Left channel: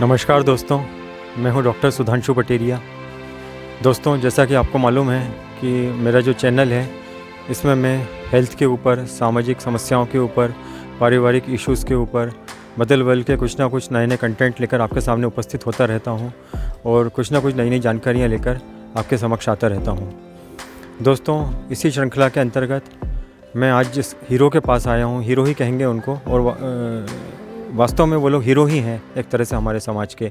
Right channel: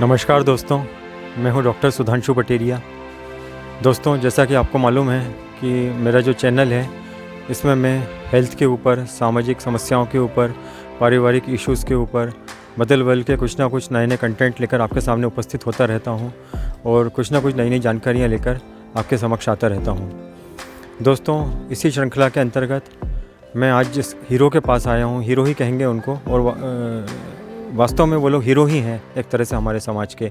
नमस्कार दोस्तों, मैं हूं डॉक्टर सुधांशु पटेरिया। दोस्तों, जैसा कि आपको मालूम है कि मेरा जो चैनल है इसमें मैं हेल्थ के ऊपर, सामाजिक समस्याओं के ऊपर, पारिवारिक इश्यूज़ के ऊपर बदल बदल के कुछ ना कुछ नए नए कंटेंट लेकर आपके सामने उपस्थित होता रहता हूं और कुछ ना कुछ नई नई जानकारियां लेकर आपके समक्ष आता रहता हूं। दोस्तों, इसी श्रृंखला के अंतर्गत मैं आज जिस हीरो के पास आया हूं, हीरो ही कहेंगे उनको, और वास्तव में वो लोग हीरो ही हैं एक तरह से हमारे समाज के।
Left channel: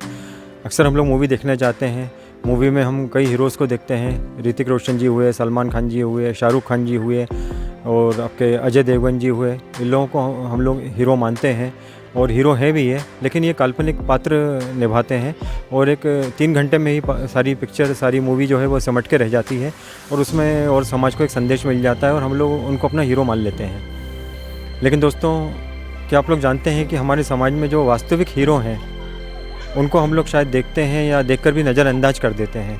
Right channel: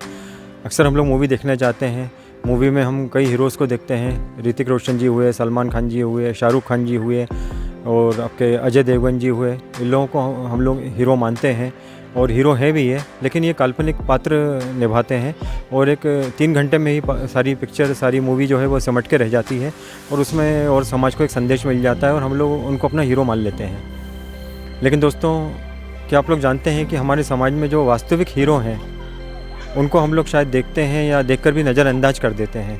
अक्सर हम लोग मूवी देखने जाते हैं, मूवी में हम कई हीरोज़ को देखते हैं। ऋतिक रोशन जी हुए, सलमान खान जी हुए, शाहरुख खान जी हुए और आपके अजय देवगन जी हुए। इन लोगों को हम लोग हीरो मानते हैं और हीरो हैं भी ये, लेकिन ये काल्पनिक पात्र निभाते हैं और एक 3 घंटे में ही सारी पिक्चर, सारी मूवी जो है वो सिमट के रह जाती है और उसमें और समाज को एक संदेश मिल जाता है और हम लोग उनको अपना हीरो मान लेते हैं। लेकिन दोस्तों, क्या आप लोग जानते हैं कि हमारे समाज में जो वास्तविक हीरो हैं उनको हम लोग शायद देखते हैं या देखकर भी नज़रअंदाज कर देते हैं,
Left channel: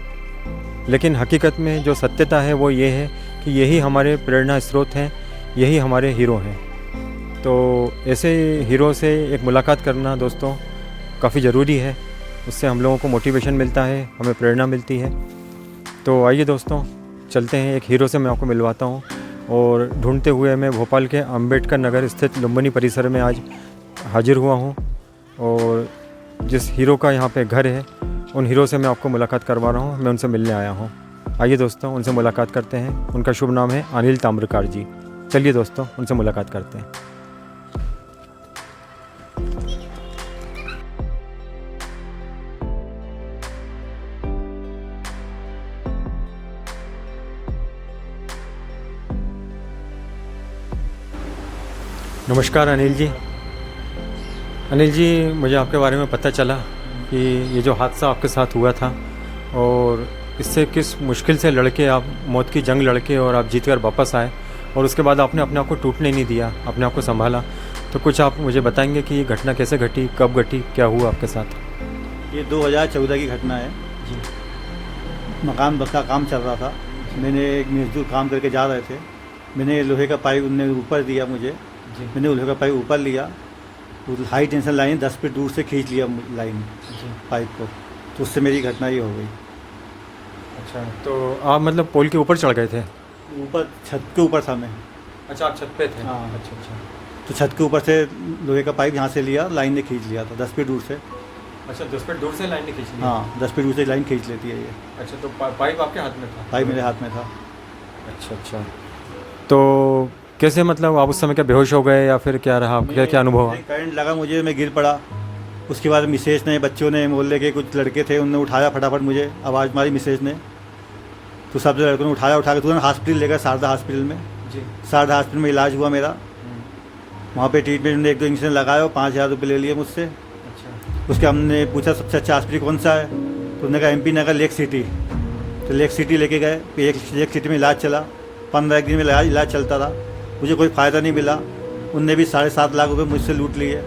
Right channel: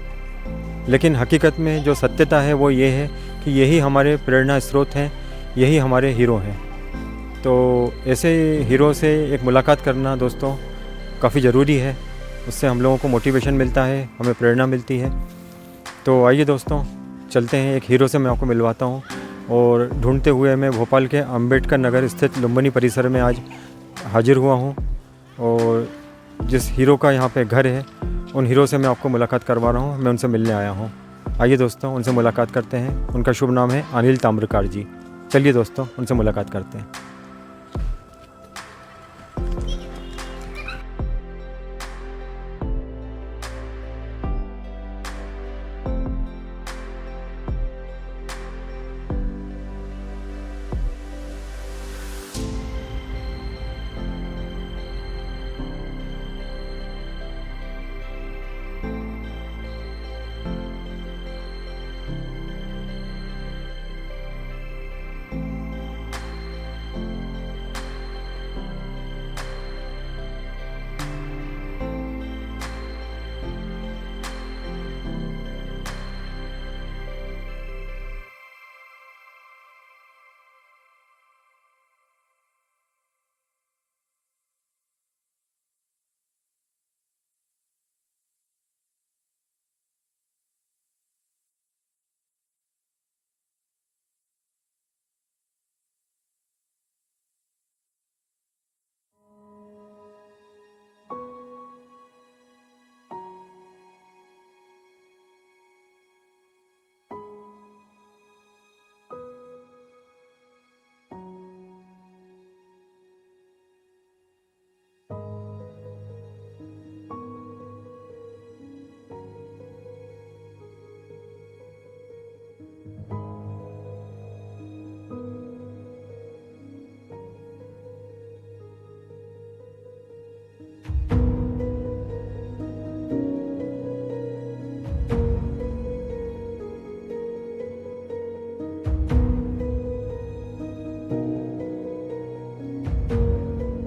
लेकिन हकीकत में जो सत्यता है वो ये है कि यही हमारे प्रेरणा स्रोत हैं, यही हमारे हीरो हैं। तो ऐसे हीरो से एक मुलाकात करना दोस्तों काफ़ी ज़रूरी है। उससे हम लोगों को मोटिवेशन मिलता है, हमें प्रेरणा मिलती है। तो आइए दोस्तों, चलते हैं, एक हीरो से मैं आपको मिलवाता हूँ। और ढूंढते हुए मैं भोपाल के अंबेडकर नगर स्थित लुम्बिनी परिसर में आज हाजिर हुआ हूँ और जिस हीरो का यहाँ पे घर है, उन हीरो से मैं आपको मुलाकात करवा रहा हूँ। मैं उनसे मिलने आया हूँ। आइए दोस्तों, उनसे मुलाकात करते हैं। उनका शुभ नाम है अनिल ताम्रकार जी। चलिए दोस्तों, उनसे मुलाकात करते हैं। नमस्कार अनिल जी। अनिल जी, मुझे आपके बारे में पता चला कि ये जो हादसा आपके साथ हुआ था और इससे किस मुश्किल से लड़के आप मौत की जंग लड़के और आप जीत कर वापस आए और उसके बाद आपने अपने आप को टूटने नहीं दिया, अपने आप को संभाला। तो कुछ आप मुझे बताएंगे कि ये घटना कैसे घटी, कब घटी, क्या हुआ आपके साथ? ये 2014 की घटना है। मकान का काम चल रहा था। मैंने एक मजदूर काम करके जा रहे थे। मैंने लोहे का पाइप उनने ऊपर दिया मुझे। मैंने लोहे का पाइप ऊपर लिया, हाई टेंशन लाइन 10 फीट दूर से खींच लिया लाइन पाइप को, तो उससे मेरी घटना ये हो गई। अच्छा, तो आप मतलब पोल के ऊपर चढ़ गए थे? ऊपर छत के ऊपर था मैं। अच्छा, आप छत पे थे? हाँ। अच्छा। तो छत के ऊपर से लोहे का पाइप यहाँ से लिया, लाइन ने खींच लिया था 10 फीट दूर से। अच्छा, 10 फीट दूर से लाइन ने खींच ली? हाँ, 10 फीट दूर से लाइन खींच लेती है ये। अच्छा, तो पाइप आपके हाथ में था? पाइप मेरे हाथ में था। अच्छा। तो कैसे, मतलब आप उस समय क्या बेहोश हो गए या फिर क्या रहा, क्या अनुभव हुआ? करंट लगा मुझे, मैं गिर पड़ा। उसके बाद मिसेज ने, बच्चों ने, मोहल्ले के कुछ लड़के थे, उन्होंने उठाया फटाफट, मुझे आवाज़ मारी मिसेज ने। तो सब लड़कों ने उठा के तुरंत हॉस्पिटल लेकर, शारदा हॉस्पिटल में। शारदा हॉस्पिटल में इलाज हुआ मेरा। वहाँ पे ट्रीटमेंट में 1-2 इंजेक्शन लगाया और 5,000 रुपये ले लिए मुझसे। उसके हमने पूछा सबसे अच्छा हॉस्पिटल कौन सा है, तो उन्होंने कहा MP नगर लेक सिटी। तो लेक सिटी लेके गए। लेक सिटी में इलाज चला, 15 दिन में इलाज चलता रहा। मुझे कोई फ़ायदा नहीं मिला। उनने भी 7.5 लाख रुपए मुझसे लूट लिए।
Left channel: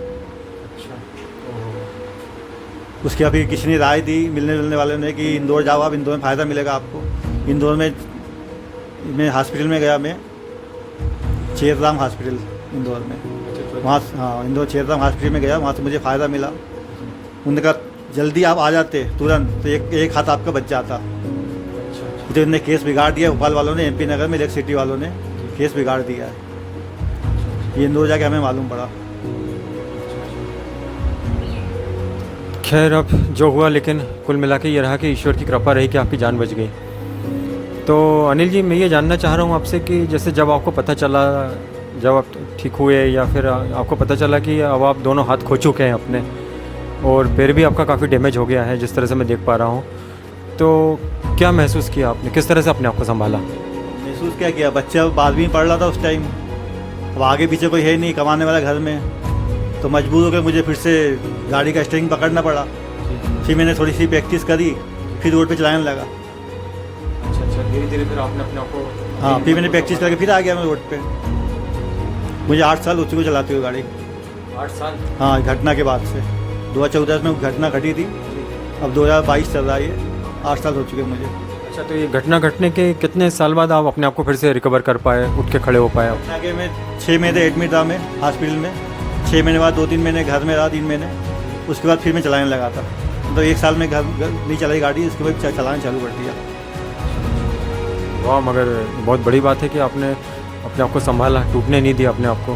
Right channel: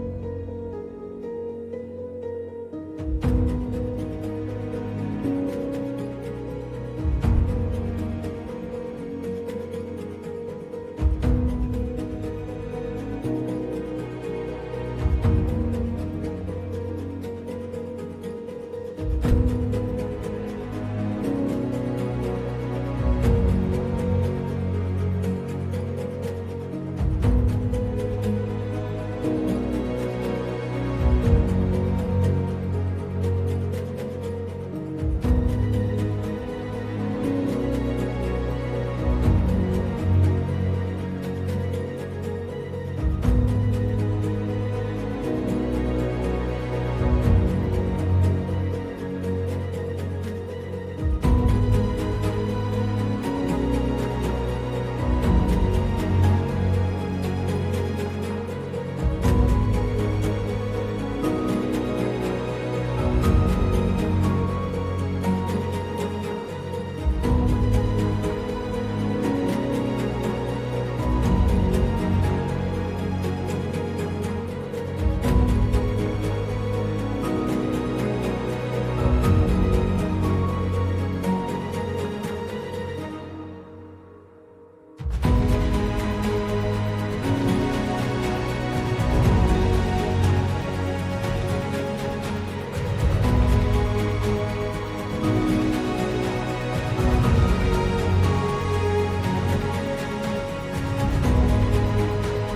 उसके अभी किसी ने राय दी, मिलने वाले ने, कि इंदौर जाओ आप, इंदौर में फ़ायदा मिलेगा आपको। इंदौर में मैं हॉस्पिटल में गया, मैं चेरराम हॉस्पिटल इंदौर में। वहाँ, हाँ, इंदौर चेरराम हॉस्पिटल में गया, वहाँ से मुझे फ़ायदा मिला। उन्होंने कहा जल्दी आप आ जाते तुरंत, तो एक हाथ आपका बच जाता। तो इन्होंने केस बिगाड़ दिया, भोपाल वालों ने, MP नगर में लेक सिटी वालों ने केस बिगाड़ दिया है। ये इंदौर जाके हमें मालूम पड़ा। खैर, अब जो हुआ, लेकिन कुल मिला के ये रहा कि ईश्वर की कृपा रही कि आपकी जान बच गई। तो अनिल जी, मैं ये जानना चाह रहा हूँ आपसे कि जैसे जब आपको पता चला, जब आप ठीक हुए या फिर आपको पता चला कि अब आप दोनों हाथ खो चुके हैं अपने और पैर भी आपका काफ़ी डैमेज हो गया है, जिस तरह से मैं देख पा रहा हूँ, तो क्या महसूस किया आपने, किस तरह से अपने आप को संभाला? महसूस क्या किया, बच्चा 12वीं में पढ़ रहा था उस टाइम। अब आगे पीछे कोई है नहीं कमाने वाला घर में, तो मजबूर होकर मुझे फिर से गाड़ी का स्टीयरिंग पकड़ना पड़ा। फिर मैंने थोड़ी सी प्रैक्टिस करी, फिर रोड पे चलाने लगा। अच्छा, धीरे फिर आपने अपने आप को? हाँ, फिर मैंने प्रैक्टिस करके फिर आ गया मैं रोड पे। मुझे 8 साल उसी को चलाते हुए गाड़ी। 8 साल? हाँ, घटना के बाद से 2014 में घटना घटी थी, अब 2022 चल रहा है, 8 साल हो चुके मुझे। अच्छा, तो ये घटना घटने के कितने साल बाद आप अपने आप को फिर से रिकवर कर पाए, उठ के खड़े हो पाए? आगे मैं 6 महीने एडमिट रहा मैं हॉस्पिटल में। 6 महीने बाद 2-3 महीने घर में रहा, 3 महीने। उसके बाद फिर मैं चलाने लगा था। मतलब 1 साल में घर नहीं चलाई गाड़ी, उसके बाद चलाना चालू कर दिया। वाह, मगर बहुत बड़ी बात है कि आपने अपने आप को संभाला, टूटने नहीं दिया अपने आप को।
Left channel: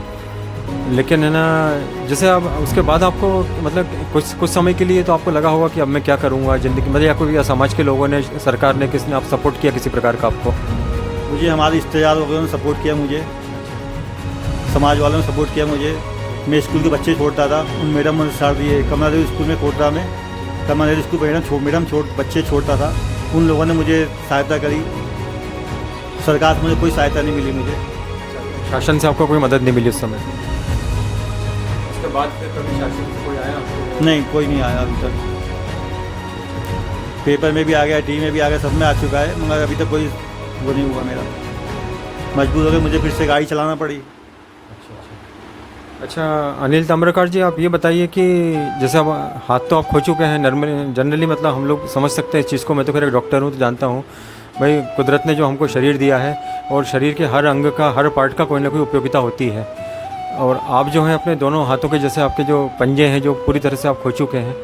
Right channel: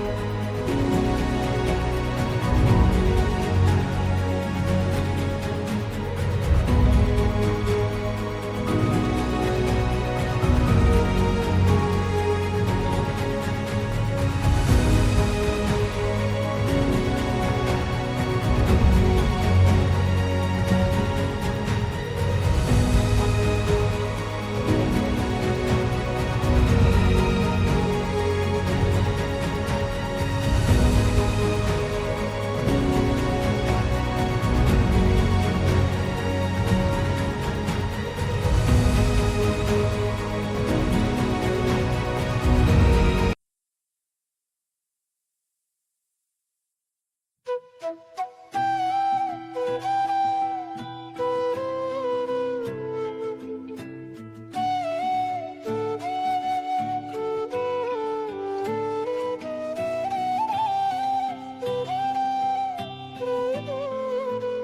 लेकिन है ना, जैसे अब उसके बाद आपको मतलब कुछ समय के लिए तो आपको लगा होगा कि अब मैं क्या करूँगा ज़िंदगी, मतलब या कोई या समाज के लोगों ने, सरकार ने, किसी ने आप सपोर्ट किया किसी प्रकार का आपको? मुझे हमारे रिश्तेदार लोगों ने सपोर्ट किया, मुझे समाज वालों ने सपोर्ट किया मुझे। मैं स्कूल के बच्चे छोड़ता था, मैडम ने साथ दिए। कमला देवी स्कूल में पढ़ता मैं, कमला देवी स्कूल मैडम बच्चे छोड़ता था, उन लोगों ने मुझे सहायता करी। सरकार से मुझे कोई सहायता नहीं मिली, मुझे शासन से आपको कोई मदद नहीं मिली उस समय? उसके बाद नहीं, कोई नहीं आया अभी तक। पेपर में भी आ गया, टी में भी आ गया, सब में आ चुका है, मगर अभी तक कोई वो नहीं हुआ मेरा। मजबूर हो गए, मुझे फिर से गाड़ी चलाना पड़ी। अच्छा अनिल ताम्रकार जी, आप ये बताइए कि जैसे अब हाथ तो आप खो चुके हैं, जनरली मतलब हम लोग समझ सकते हैं इस चीज़ को। मैं तो फिर एक डॉक्टर हूँ तो जानता हूँ भाई, कुदरत ने जो हमको शरीर दिया है और शरीर के हर अंग का, हर पार्ट का कोई ना कोई उपयोगिता होती है। और आप जो हैं अपने दोनों हाथों के, जैसे आपके जो पंजे हैं जो पूरी तरह से आप खो चुके हैं,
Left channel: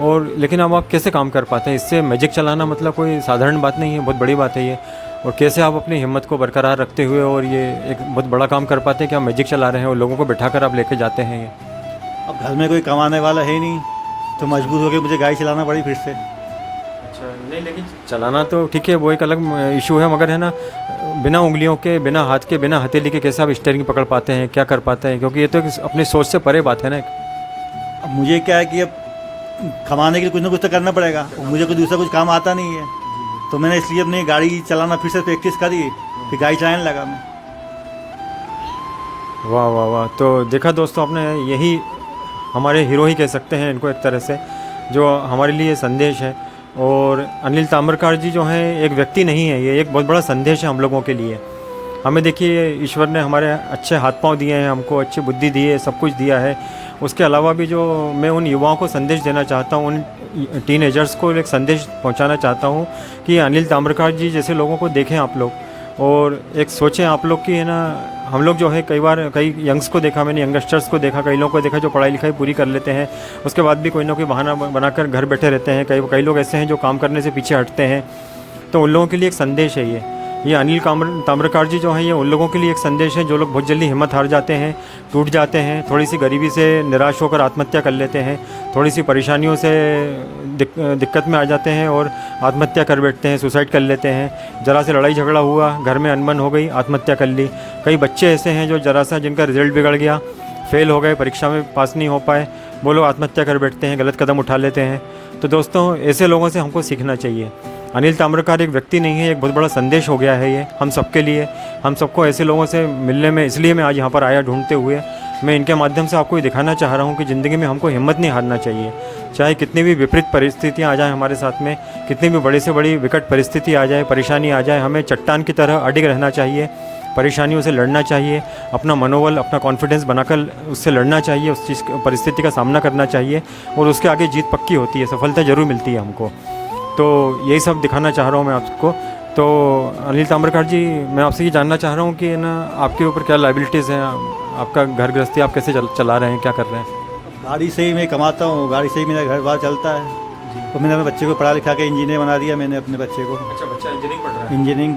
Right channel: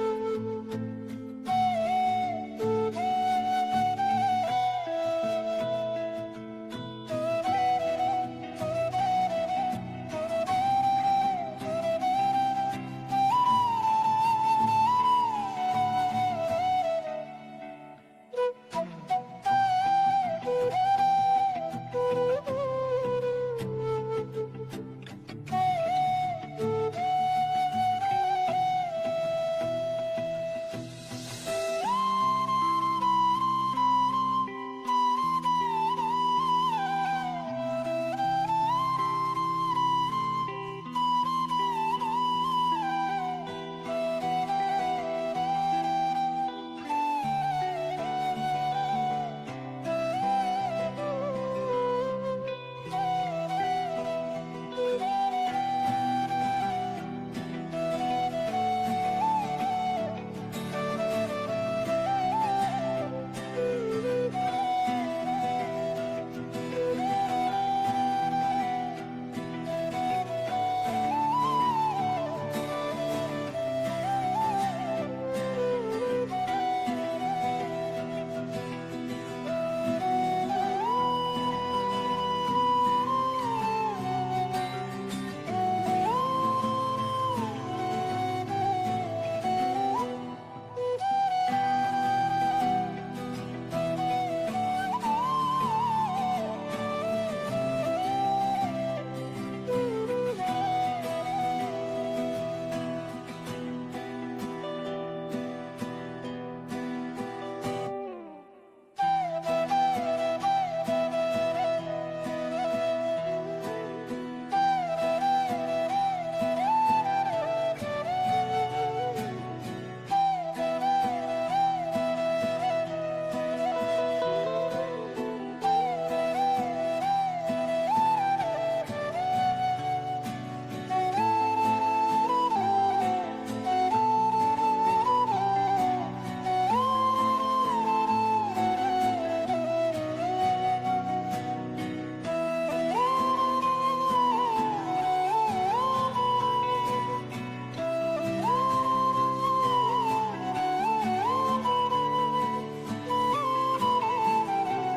और लेकिन अब आप कैसे काम कर पाते हैं? इससे मैजिक चलाना मतलब कोई साधारण बात नहीं है, बहुत बड़ी बात है ये। और कैसे आप अपनी हिम्मत को बरकरार रखते हुए और ये एक बहुत बड़ा काम कर पाते हैं कि आप मैजिक चला रहे हैं और लोगों को बैठाकर आप लेके जाते हैं ये? अब घर में कोई कमाने वाला है नहीं, तो मजबूर हो गए मुझे गाड़ी चलाना पड़ी फिर से। अच्छा, नहीं लेकिन चलाना तो ठीक है, वो एक अलग इशू है, मगर है ना, बिना उंगलियों के, बिना हाथ के, बिना हथेली के कैसे आप स्टीयरिंग पकड़ पाते हैं, क्या कर पाते हैं? क्योंकि ये तो अपनी सोच से परे बात है ना। अब मुझे क्या है कि अब कमाने के लिए कुछ ना कुछ तो करना पड़ेगा, मुझे कोई दूसरा कुछ काम आता नहीं है, तो मैंने इसलिए अपनी गाड़ी चलाना फिर से प्रैक्टिस करी, फिर गाड़ी चलाने लगा मैं। वाह वाह वाह, तो देखा दोस्तों आपने, यही हमारे हीरो ही कह सकते हैं इनको एक तरह से, जो हमारे लिए संदेश है। और अनिल ताम्रकार जी जो हैं एक व्यक्ति नहीं है, ये एक बहुत बड़ा संदेश है हम लोगों के लिए। हमें देखिए, ईश्वर ने हमारे अच्छे हाथ पांव दिए हैं, हमको अच्छी बुद्धि दी है, सब कुछ दिया है। उसके अलावा भी जो मैं उन युवाओं को संदेश देना चाहता हूँ, उन टीनेजर्स को एक संदेश पहुँचाना चाहता हूँ कि अनिल ताम्रकार जी जैसे लोगों को देखें आप लोग, और एक सोचें आप लोग कि है ना, हम लोग जो है कई बार कई यंग्स को देखा मैंने, यंगस्टर्स को देखा, कई लोगों को देखा जो पढ़ाई लिखाई पूरी कर लेते हैं, उसके बाद भी कोई ना कोई बहाना बनाकर घर बैठे रहते हैं। कई लोग ऐसे हैं जो काम करने से पीछे हटते हैं। तो उन लोगों के लिए एक संदेश है ये अनिल ताम्रकार जी जो हैं, ये उन लोगों के लिए एक संदेश है जो लोग बहुत जल्दी हिम्मत हार जाते हैं, टूट जाते हैं, थोड़ी सी गरीबी से निराश होकर आत्महत्या कर लेते हैं, थोड़ी सी परेशानियों से दिक्कत में आ जाते हैं और आत्महत्या कर बैठते हैं, सुसाइड कर लेते हैं। ज़रा से लड़ाई झगड़ा हुआ, घर में अनबन हो गई, आत्महत्या कर ली। कई बच्चे ऐसे हैं जो ज़रा सा जिनका रिजल्ट बिगड़ गया, फेल हो गए, परीक्षा में पास नहीं हो पाए, वो लोग आत्महत्या कर बैठते हैं, गलत कदम उठा लेते हैं। तो दोस्तों, ऐसे लोगों से हमको सीखना चाहिए। अनिल ताम्रकार एक व्यक्ति नहीं है, एक बहुत बड़ा संदेश हो गया है ये हम सबके लिए। हम सबको ऐसे लोगों से मिलने में, इसलिए मैं आज यहाँ पर आया ढूंढते हुए। मैं इनके माध्यम से आपको ये दिखाना चाह रहा हूँ कि ज़िंदगी में हमको हिम्मत नहीं हारना चाहिए। चाहे कितनी भी विपरीत परिस्थितियाँ आ जाएँ हमारे साथ में, कितनी भी बड़ी से बड़ी विकट परिस्थिति आ जाए, परेशानी आ जाए, हमें चट्टान की तरह अडिग रहना चाहिए, परेशानियों से लड़ना चाहिए, अपना मनोबल, अपना कॉन्फिडेंस बनाकर उससे लड़ना चाहिए, उस चीज़ परिस्थिति का सामना करना चाहिए, और उसके आगे जीत पक्की होती है, सफलता ज़रूर मिलती है हमको। तो यही सब दिखाना चाह रहा हूँ मैं आपको। तो अनिल ताम्रकार जी, मैं आपसे ये जानना चाह रहा हूँ कि ना, आपके ऊपर क्या लाइबिलिटीज़ हैं, आपका घर गृहस्थी आप कैसे चला रहे हैं, क्या कर रहे हैं? गाड़ी से ही मैं कमाता हूँ, गाड़ी से ही मेरा घर बार चलता है। तो मैंने अपने बच्चे को पढ़ा लिखा के इंजीनियर बना दिया मैंने अपने बच्चे को। अच्छा, बच्चा इंजीनियरिंग पढ़ रहा है? इंजीनियरिंग।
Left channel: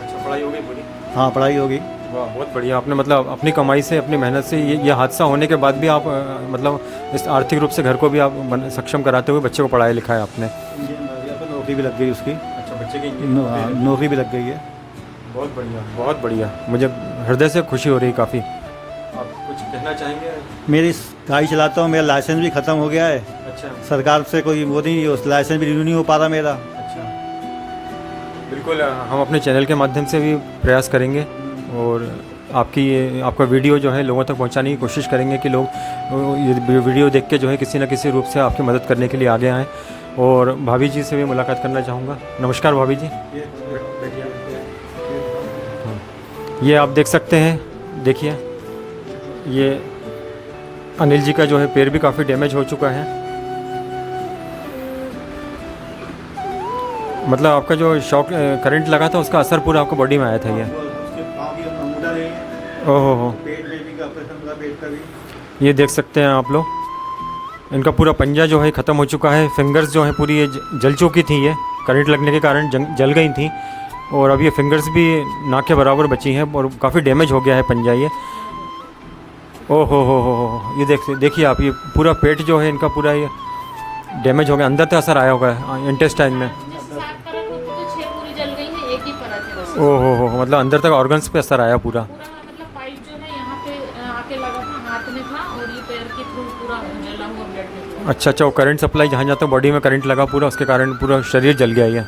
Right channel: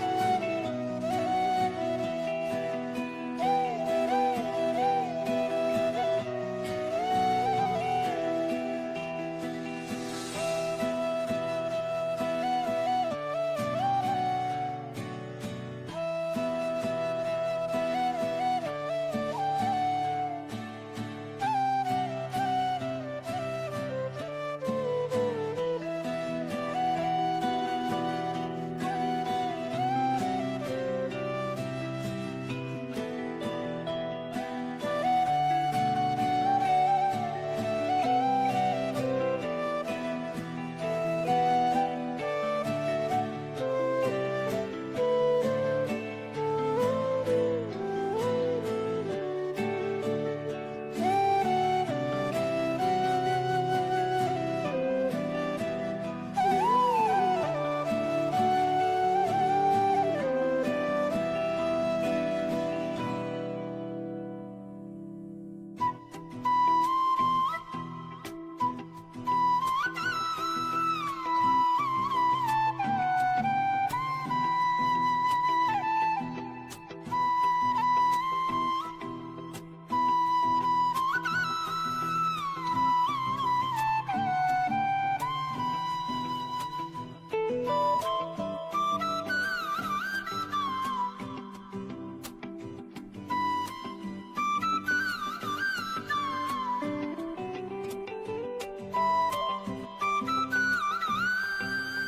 अच्छा, पढ़ाई हो गई पूरी? हाँ, पढ़ाई होगी। वाह, बहुत बढ़िया। आपने मतलब अपनी कमाई से, अपनी मेहनत से, ये हादसा होने के बाद भी आप मतलब इस आर्थिक रूप से घर को भी आप सक्षम कराते हुए बच्चे को पढ़ाया लिखाया आपने। नौकरी भी लग गई उसकी। अच्छा, बच्चे की नौकरी भी लग गई है। बहुत बढ़िया, बहुत बढ़िया। मुझे हृदय से खुशी हो रही काफ़ी। आप कुछ कहना चाहेंगे? मेरी गाड़ी चलाता हूँ, मेरा लाइसेंस भी ख़त्म हो गया है। अच्छा। सरकार से कोई वो नहीं, उस लाइसेंस भी रिन्यू नहीं हो पा रहा मेरा। अच्छा, बिल्कुल। हम अपने चैनल के माध्यम से भी प्रयास करेंगे और आपका वीडियो जो है लोगों तक पहुंचाने की कोशिश करेंगे कि लोग ये वीडियो देख के जो है किसी न किसी रूप से आपकी मदद करने के लिए आगे आएँ। और भाभी जी से भी मुलाकात करना चाहूँगा। नमस्कार भाभी जी। ये आप देख सकते हैं, देखिए ये अनिल जी का जो है पैर भी काफ़ी डैमेज हो चुका है। मतलब आपका जो शॉक करंट लगा था उसका असर पूरा आपको बॉडी में आया था ये। ओहो हो, ये देख सकते हैं आप लोग, इनका पूरा पंजा जो है ख़त्म हो चुका है, फिंगर्स जो है पूरी ये जल चुकी थी, ये करंट लगने के कारण जल गई थी, और अब ये फिंगर्स भी नाक के बराबर बची हैं और काफ़ी डैमेज हो गया है पंजा ये। ओ हो, ये देखिए आप, ये पूरा पेट जो है इनका पूरा ये डैमेज हो गया, अंदर तक असर आया होगा इंटेस्टाइन में। ओ हो, मतलब अंदर तक ऑर्गन्स पे असर आया पूरा। अच्छा, वो करंट सप्लाई जहाँ जहाँ तक बॉडी में करंट लगा पूरा, उसके कारण पूरा शरीर जल गया ये।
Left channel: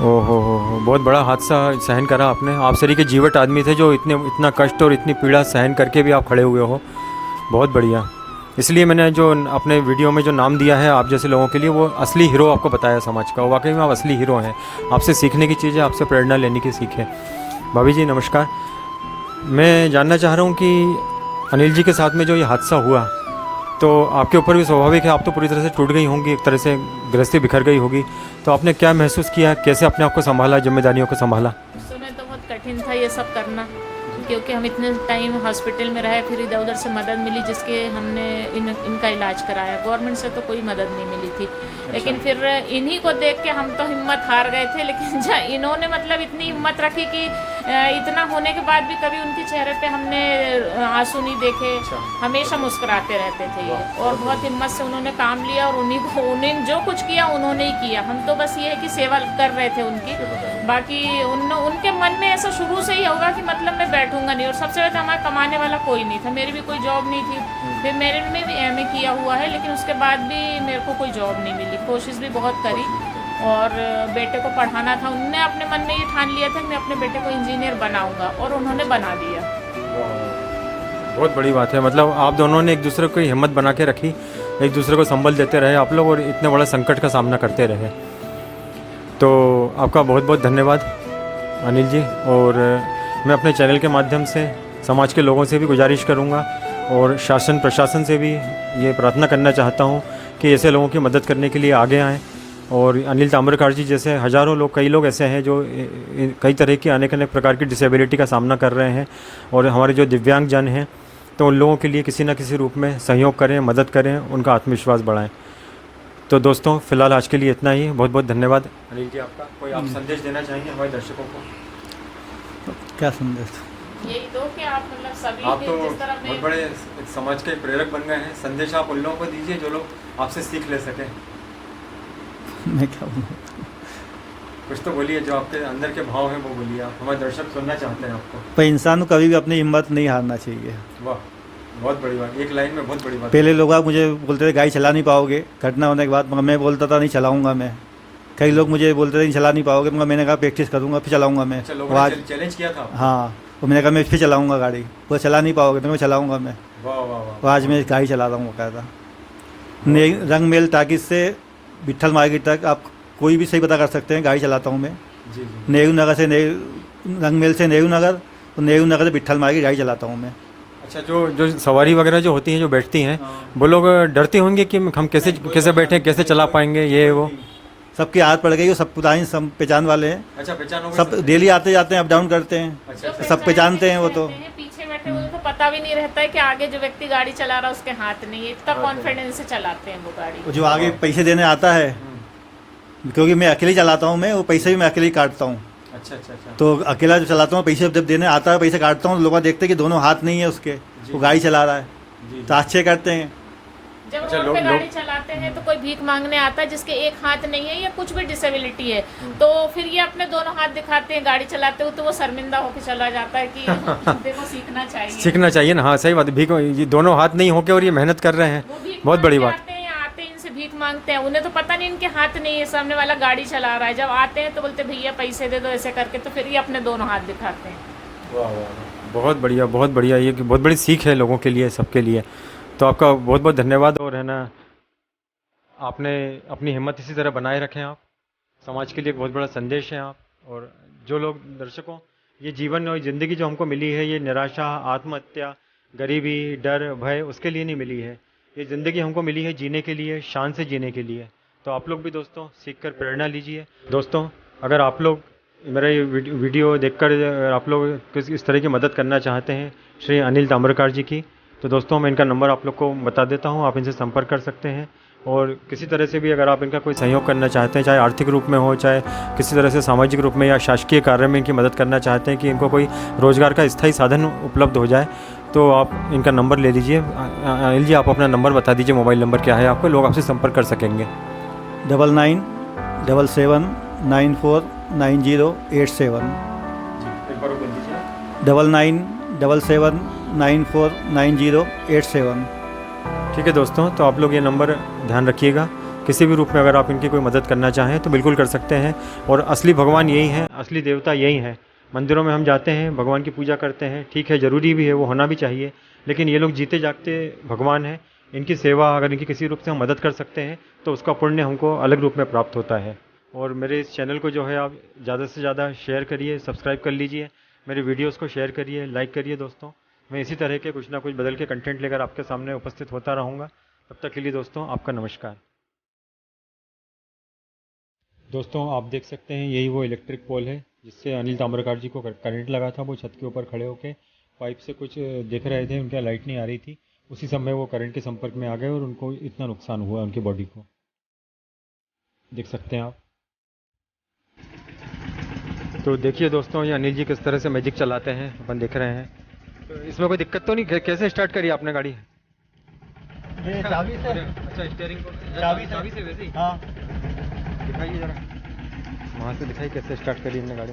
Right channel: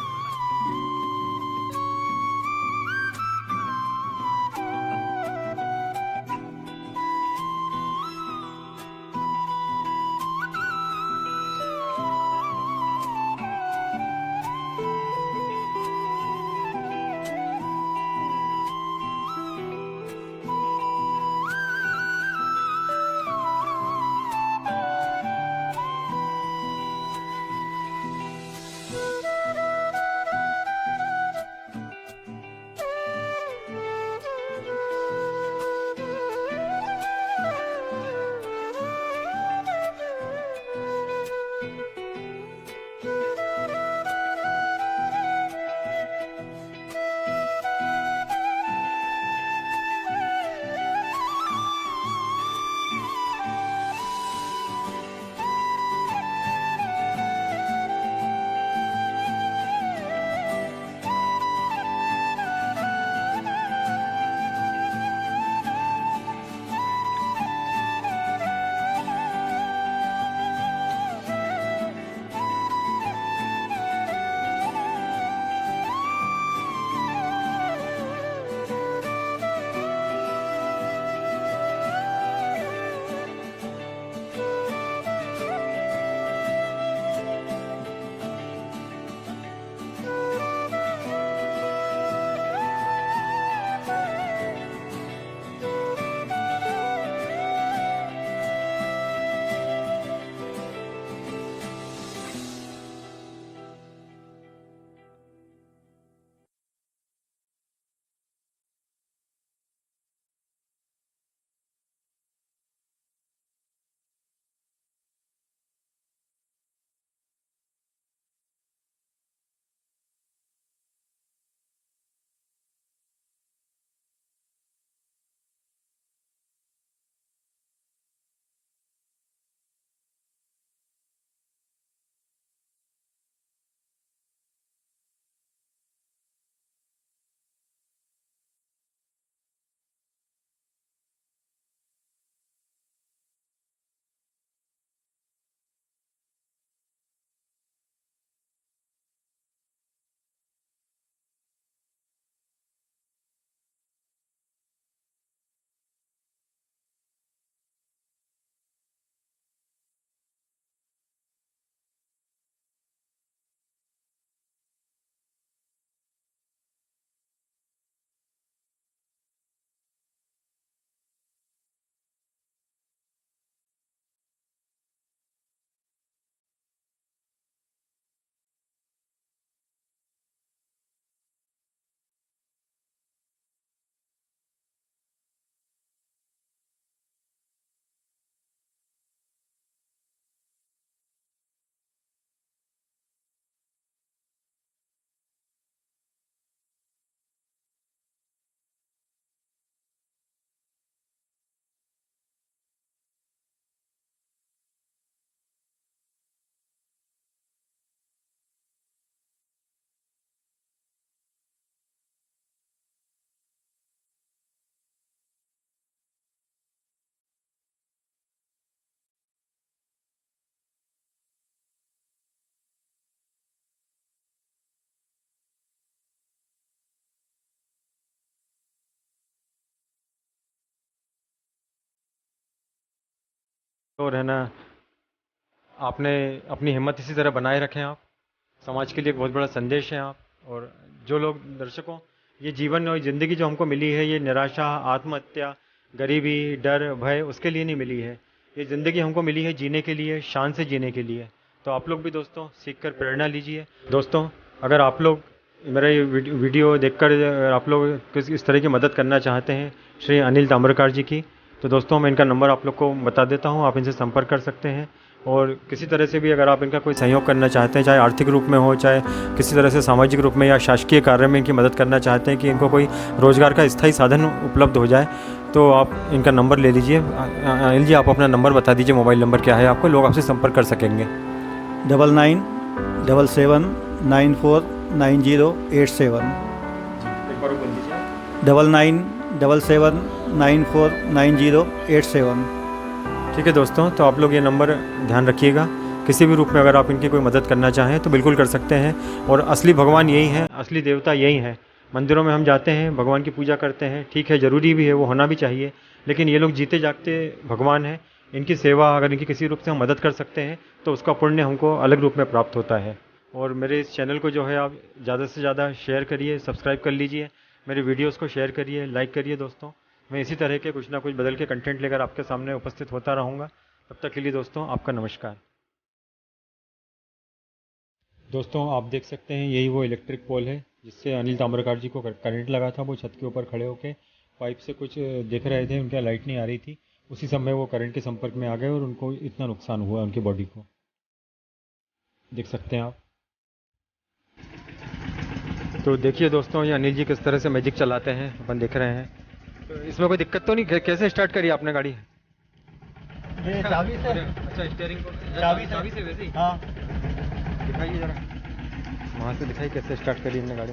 ओहो हो, बहुत बड़ा हादसा सहन करा आपने। आप सरी के जीवट आदमी थे जो इतना कष्ट और इतनी पीड़ा सहन करके भी आप खड़े हुए हो, बहुत बढ़िया। इसलिए मैंने जो अपने वीडियो में जो नाम दिया है आप जैसे लोगों के लिए, वो असली हीरो आपको बताया समाज का। वाकई में आप असली हीरो हैं, आपसे सीखने की चीज़ें, आपसे प्रेरणा लेने की सीख है। भाभी जी नमस्कार, मैं जानना चाह रहा हूँ कि अनिल जी के साथ में जो ये हादसा हुआ, तो आपके ऊपर भी स्वाभाविक है, आप तो पूरी तरह से टूट गई होंगी, एक तरह से गृहस्थी बिखर गई होगी, तो आपने क्या महसूस किया, कैसे अपने आप को संभाला, जिम्मेदारियों को संभाला? उस समय तो बहुत कठिन था ये सब करना, क्योंकि हम इतने टाइम हॉस्पिटल में रहे, फिर इधर उधर से मदद मिली जिसके हमने इनका इलाज कराया। गवर्नमेंट से तो कोई मदद नहीं मिली थी, लेकिन फिर इन्हीं को देख के हम तो हिम्मत हार गए थे, लेकिन इन्होंने मतलब इतनी हिम्मत रखी कि इतना होने के बाद भी कभी उनके चेहरे पे हमने आंसू नहीं देखे, हमेशा मुस्कुराते रहते थे ये, और बहुत हिम्मत से उन्होंने काम लिया, और उन्हें जो कुछ किया उन्होंने ही किया। हम तो बस ये है कि सेवा कर रहे थे उनकी, बाकी उनके मन में ऐसा शुरू से ही होगा कि मतलब मैं बैठूंगा नहीं, और सबसे ज़्यादा हमारा कमाने वाला कोई नहीं था, मेरी भी कोई जॉब नहीं थी, फिर मेरे में भी MA किया हुआ है, लेकिन उसके बाद भी मेरे को कोई जॉब नहीं मिली। कोशिश भी बहुत करी, और बेटे को पढ़ाना था, उनने अपने मन में ये ठान लिया था कि मैं अपने बेटे को इंजीनियर बनाऊंगा, और उन्होंने बना दिया। बहुत बड़ी बात है, मतलब आप दोनों ने एक दूसरे को हिम्मत बना के रखी, एक दूसरे को संबल देते रहे आप लोग, और इतने बड़ा संकट का सामना करते रहे। तो आपका बहुत बहुत धन्यवाद अनिल जी, और मैं अपने चैनल के माध्यम से समाज के लोगों से भी गुजारिश करूंगा, और शासन प्रशासन से भी ये प्रार्थना करना चाहता हूं कि ऐसे लोगों की मदद करने के लिए आगे आएँ। और अनिल ताम्रकार जी जैसे हज़ारों लोग, कई लोग ऐसे हैं जो कई तरह की अनेक प्रकार की डिसेबिलिटी का सामना कर रहे हैं, और हमारे जो दिव्यांग जन हैं, तो उन लोगों के लिए किसी न किसी रूप में सहयोग करें, मदद करें, उनका आत्मविश्वास बढ़ाएं। तो दोस्तों फिलहाल आज के लिए इतना ही, बहुत बहुत धन्यवाद अनिल जी आपका। कोई आप संदेश देना चाहेंगे हमारे दर्शकों को? क्या संदेश? यही दो कि आप मतलब सभी आप तो जिस तरह बहुत बड़े समाज के प्रेरक बन गए हैं, संदेश आप उन लोगों को दीजिए जो लोग आपसे सीख ले सकें। मैं क्या बोलूँ? कुछ तो बोलिए, जो आपके अंदर के भाव हैं वो बोलिए, आप हमारे दर्शक सुनना चाहते हैं आपको। पर इंसान को कभी भी अपनी हिम्मत नहीं हारना चाहिए। वाह, बहुत बड़ी बात, एक लाइन में बहुत बड़ी बात। पहले लोग मुझे बोलते थे गाड़ी चला नहीं पाओगे, घटना होने के बाद, मगर मैं बोलता था नहीं चलाऊंगा मैं। कई लोग मुझे बोलते थे नहीं चला नहीं पाओगे, मगर मैंने कहा प्रैक्टिस करूंगा फिर चलाऊंगा मैं। आज चैलेंज किया था? हाँ, तो मैंने कहा मैं फिर चलाऊंगा गाड़ी, वो चला नहीं पाओगे तो मैं चलाऊंगा मैं। वाह वाह वाह। तो आज मैं गाड़ी चला रहा हूँ बकायदा। रंगमेल टाकिज से विट्ठल मार्केट तक आप कोई भी सही पता कर सकते हैं, गाड़ी चलाता हूँ मैं। जी। नेहरू नगर से रंगमेल से नेहरू नगर, तो नेहरू नगर से विट्ठल मार्केट गाड़ी चलाता हूँ मैं। अच्छा, जो सवारी वगैरह जो होती हैं, जो बैठती हैं, वो लोग डरते होंगे कि हम कैसे बैठे, कैसे चला पाएंगे, ये वो? सबकी आदत पड़ गई, वो सब पुरानी सब पहचान वाले हैं। अच्छा, पहचान सब डेली आते जाते हैं, अप डाउन करते हैं। अच्छा, सब पहचानते हैं वो तो। पीछे बैठे हुए तो पता भी नहीं रहता है कि आगे जो व्यक्ति गाड़ी चला रहा है उसके हाथ नहीं है, इतना कॉन्फिडेंस से चलाते हैं वो गाड़ी। जो आगे पैसे देने आता है, क्योंकि मैं अकेले चलाता हूँ, मैं वो पैसे भी मैं अकेले ही काटता हूँ। अच्छा अच्छा अच्छा। तो अकेला जो चलाता हूँ, पैसे जब देने आता है पैसे काटता हूँ, लोग देखते हैं कि दोनों हाथ नहीं है उसके, वो गाड़ी चला रहा है, तो अच्छे करते हैं। जब अच्छा, रोड पे गाड़ी चलाते हैं तो कोई भीख मांगने आता है जिसके एक हाथ नहीं है या कुछ भी डिसेबिलिटी है, तो फिर ये अपने दोनों हाथ दिखाते हैं गाड़ी चलाते हुए, तो वो शर्मिंदा होकर चला जाता है कि देखो सीखना चाहिए ना। हाँ सही बात है, भीख ये दोनों हाथ नहीं होके और ये मेहनत कर रहे हैं, बहुत बड़ी बात। आते हैं इनसे भीख मांगते हैं, उन्हें तो पता नहीं इनके हाथ नहीं है, सामने वाला गाड़ी चला रहा है, जब आते हैं तो बोलते भैया पैसे दे दो ऐसे करके, तो फिर ये अपने दोनों हाथ दिखाते हैं। वाह वाह, बहुत बढ़िया बहुत बढ़िया, ये बहुत बड़ी सीख है लोगों के लिए, सबके लिए। तो आपका बहुत बहुत धन्यवाद, और है ना, आपने अपनी हिम्मत इसी तरह बनाए रखें, आप समाज के लिए एक बहुत बड़ा संदेश है आप। और जो लोग दर्शकों, ये जीवन और ज़िंदगी जो हमको मिली है, ये निराशा, आत्महत्या, गरीबी, डर, भय, उसके लिए नहीं मिली है। ये ज़िंदगी हमको मिली है जीने के लिए, शान से जीने के लिए। तो आप लोग भी दोस्तों सीखकर प्रेरणा लीजिए। दोस्तों, अगर आप लोग मेरा ये वीडियो देखकर आप लोग इस तरह की मदद करना चाहते हैं श्री अनिल ताम्रकार जी की, तो दोस्तों मैं इनका नंबर आप लोग को बता देता हूँ, आप इनसे संपर्क कर सकते हैं। और किसी तरह से भी अगर आप इनका कोई सहयोग करना चाहते हैं, चाहे आर्थिक रूप में हो, चाहे किसी तरह से सामाजिक रूप में या शासकीय कार्य में इनकी मदद करना चाहते हैं कि इनको कोई रोज़गार का स्थायी साधन उपलब्ध हो जाए, तो आप इनका नंबर ले लीजिए। अनिल जी, आप अपना नंबर बता दीजिए, मोबाइल नंबर क्या है आपको, लोग आपसे संपर्क कर सकेंगे। 9977949087। एक बार बोल दीजिए। 9977949087। ठीक है दोस्तों, तो आप लोग ये नंबर ध्यान रखिएगा। किसी भी रूप में अगर आप इनकी कोई मदद करना चाहें तो बिल्कुल कर सकते हैं। और असली भगवान यही है, असली देवता यही है। मंदिरों में हम जाते हैं, भगवान की पूजा करते हैं, ठीक है, ज़रूरी भी है, वो होना भी चाहिए, लेकिन ये लोग जीते जागते भगवान हैं। इनकी सेवा अगर इनकी किसी रूप से हम मदद कर सकते हैं तो उसका पुण्य हमको अलग रूप में प्राप्त होता है। और मेरे इस चैनल को जो है आप ज़्यादा से ज़्यादा शेयर करिए, सब्सक्राइब कर लीजिए, मेरे वीडियोज़ को शेयर करिए, लाइक करिए दोस्तों। मैं इसी तरह के कुछ ना कुछ बदल के कंटेंट लेकर आपके सामने उपस्थित होता रहूँगा। तब तक के लिए दोस्तों आपका नमस्कार। दोस्तों आप देख सकते हैं, यही वो इलेक्ट्रिक पोल है जिससे अनिल ताम्रकार जी को करंट लगा था। वो छत के ऊपर खड़े होकर पाइप से कुछ देख रहे थे, उनके लाइट नहीं आ रही थी। उसी समय वो करंट के संपर्क में आ गए और उनको इतना नुकसान हुआ उनकी बॉडी को, देख सकते हैं आप। तो देखिए दोस्तों, ये अनिल जी किस तरह से मैजिक चलाते हैं, अपन देख रहे हैं। तो इसमें कोई दिक्कत तो नहीं? कैसे स्टार्ट करी आपने गाड़ी? ये चाबी से। अच्छा, स्टीयरिंग को चाबी से वैसे ही? हाँ। दिखाइए जरा, वहाँ से दिखाइए कैसे स्टार्ट करी हमने गाड़ी।